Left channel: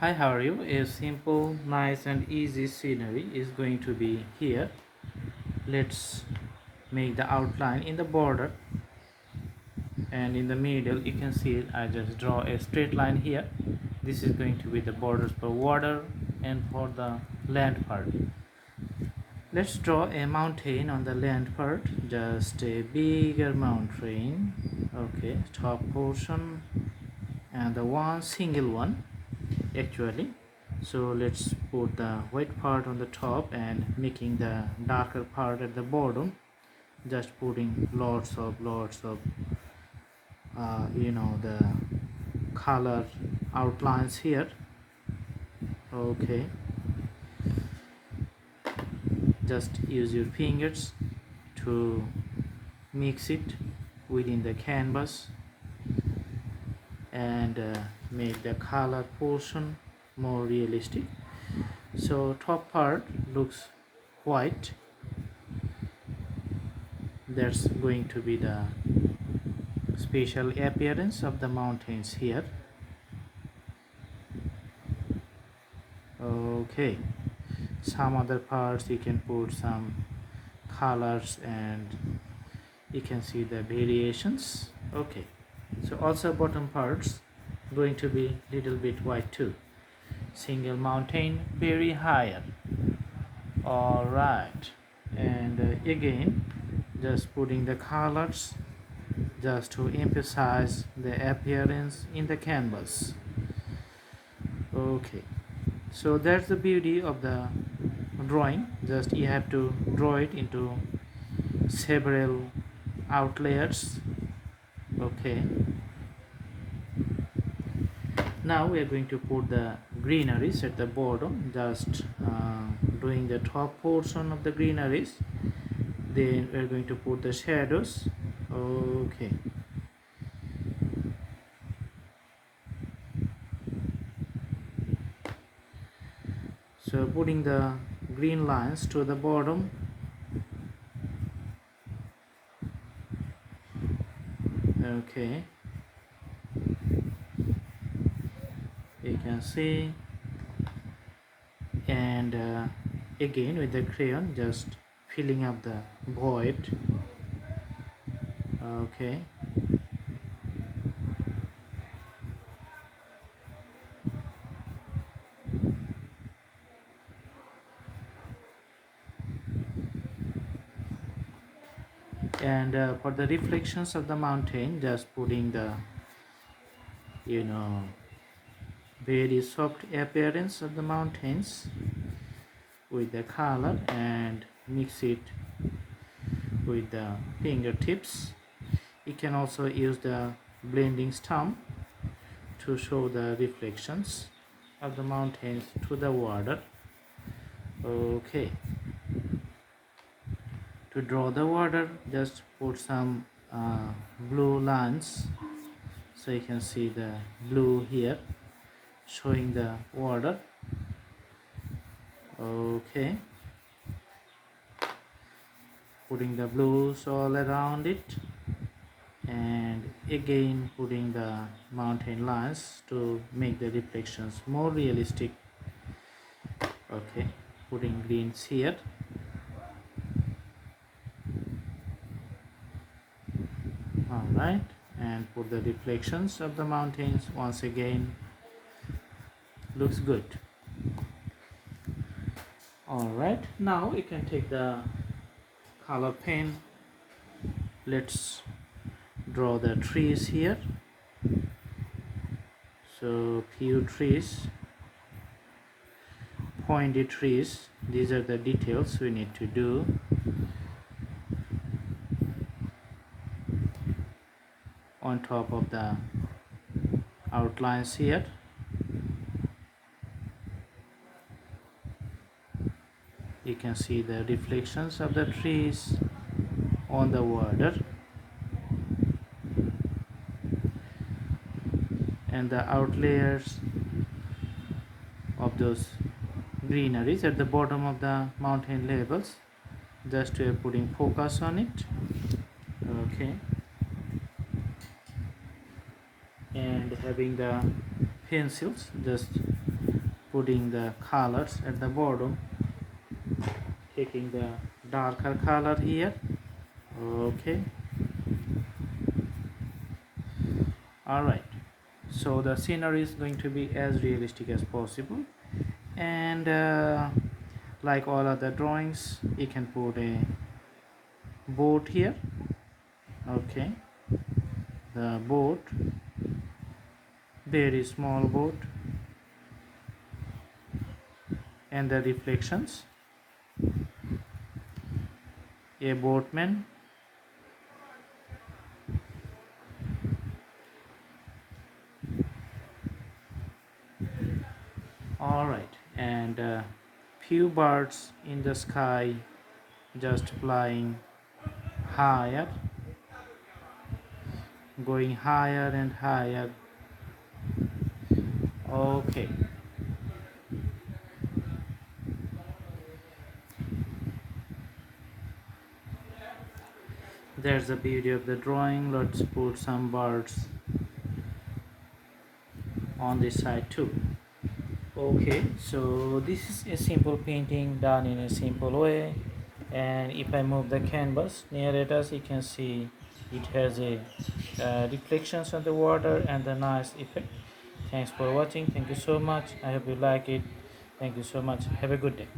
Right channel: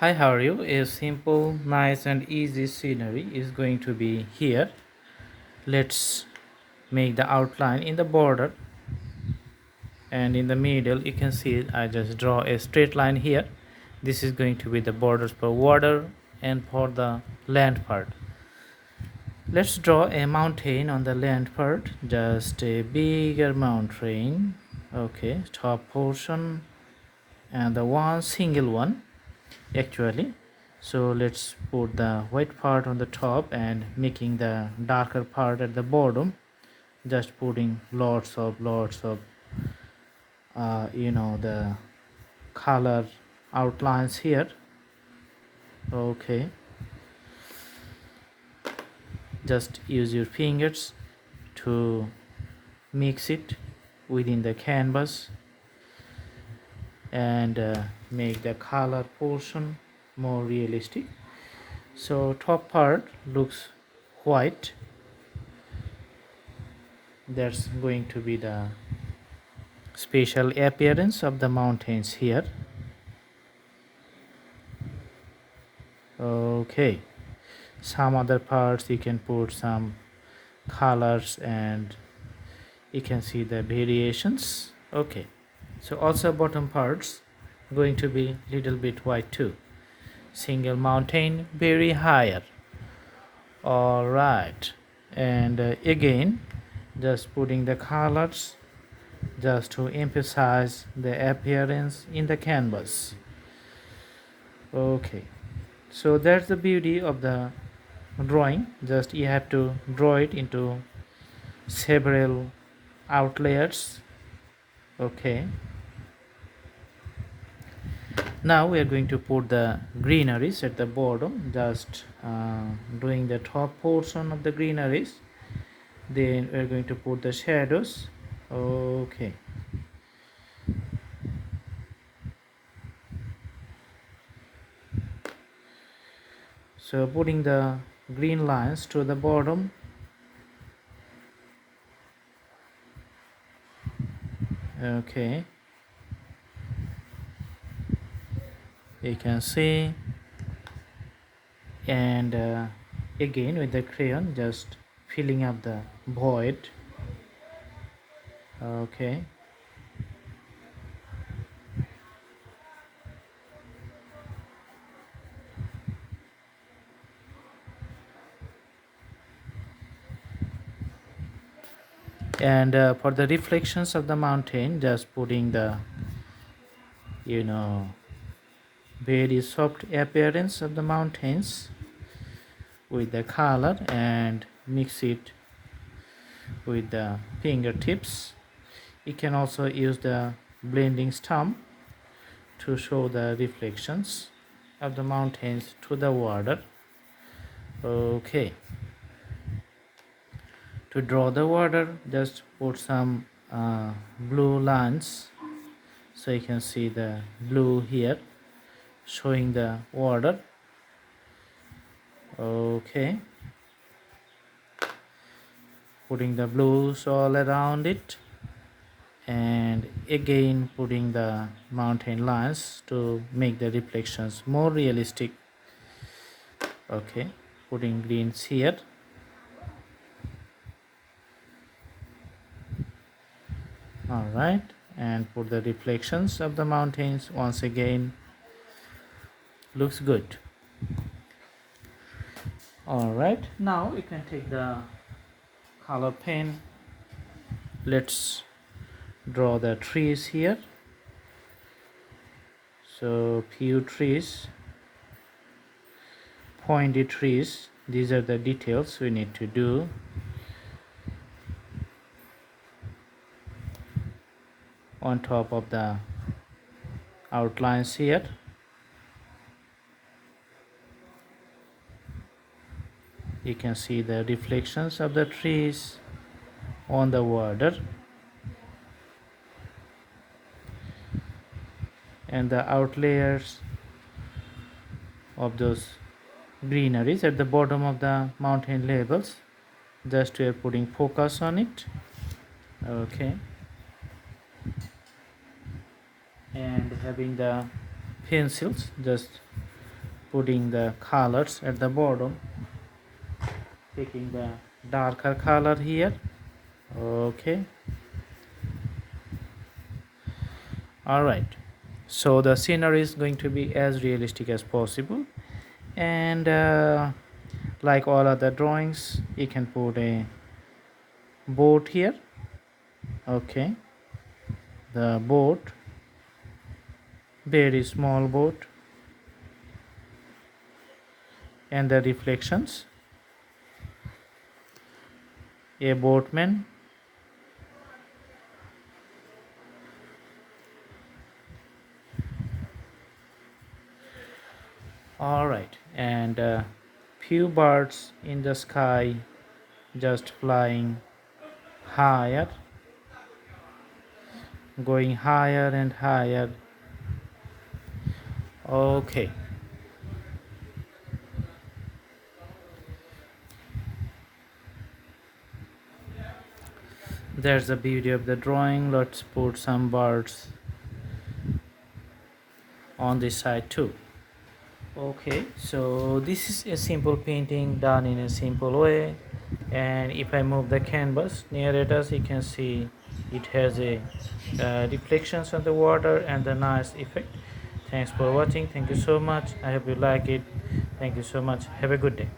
Hi, how are you? A simple, nice, and easy scenery is going to be here. Let's make the outline in the border, and in the middle you can see I just draw a straight line here. This is going to be the borders for water and for the land part. Let's draw a mountain on the land part, just a bigger mountain. Okay, top portion and the one single one actually. So let's put the white part on the top and making the darker part at the bottom, just putting lots of the color outlines here. Okay, just use your fingers to mix it within the canvas and make the color portion more realistic. So top part looks white. That's going to be the special appearance of the mountains here. Okay, some other parts you can put some colors and you can see the variations. Okay, so also bottom parts going to be little bit white too. Single mountain very higher. All right, and again just putting the colors just to emphasize the appearance in the canvas. Okay, so that's the beauty of the drawing. Just you have to draw it into several outlayers. Okay, now we are going to put the greeneries at the bottom, just doing the top portion of the greeneries. Then we are going to put the shadows. Okay, so putting the green lines to the bottom. Okay, you can see, and again with the crayon just filling up the void. Okay, and for the reflections of the mountain, just putting the you know very soft appearance of the mountains with the color and mix it with the fingertips. You can also use the blending stump to show the reflections of the mountains to the water. Okay, to draw the water just put some blue lines, so you can see the blue here showing the water. Okay, putting the blues all around it, and again putting the mountain lines to make the reflections more realistic. Okay, putting greens here. All right, and put the reflections of the mountains once again. Looks good. All right, now you can take the color pen. Let's draw the trees here. So few trees, pointy trees. These are the details we need to do. On top of the outlines here. You can see the reflections of the trees on the water, and the outlayers of those greeneries at the bottom of the mountain levels. Just we are putting focus on it. Okay, and having the pencils just putting the colors at the bottom, taking the darker color here. Okay, all right, so the scenery is going to be as realistic as possible, and like all other drawings, you can put a boat here. Okay, the boat, very small boat, and the reflections, a boatman. All right, and few birds in the sky just flying higher, going higher and higher. Okay, there's the beauty of the drawing. Let's put some birds on this side too. Okay, so this is a simple painting done in a simple way, and if I move the canvas near it, as you can see, it has a reflections on the water and a nice effect. Thanks for watching. Thank you so much. I hope you like it. Thank you so much. Have a good day.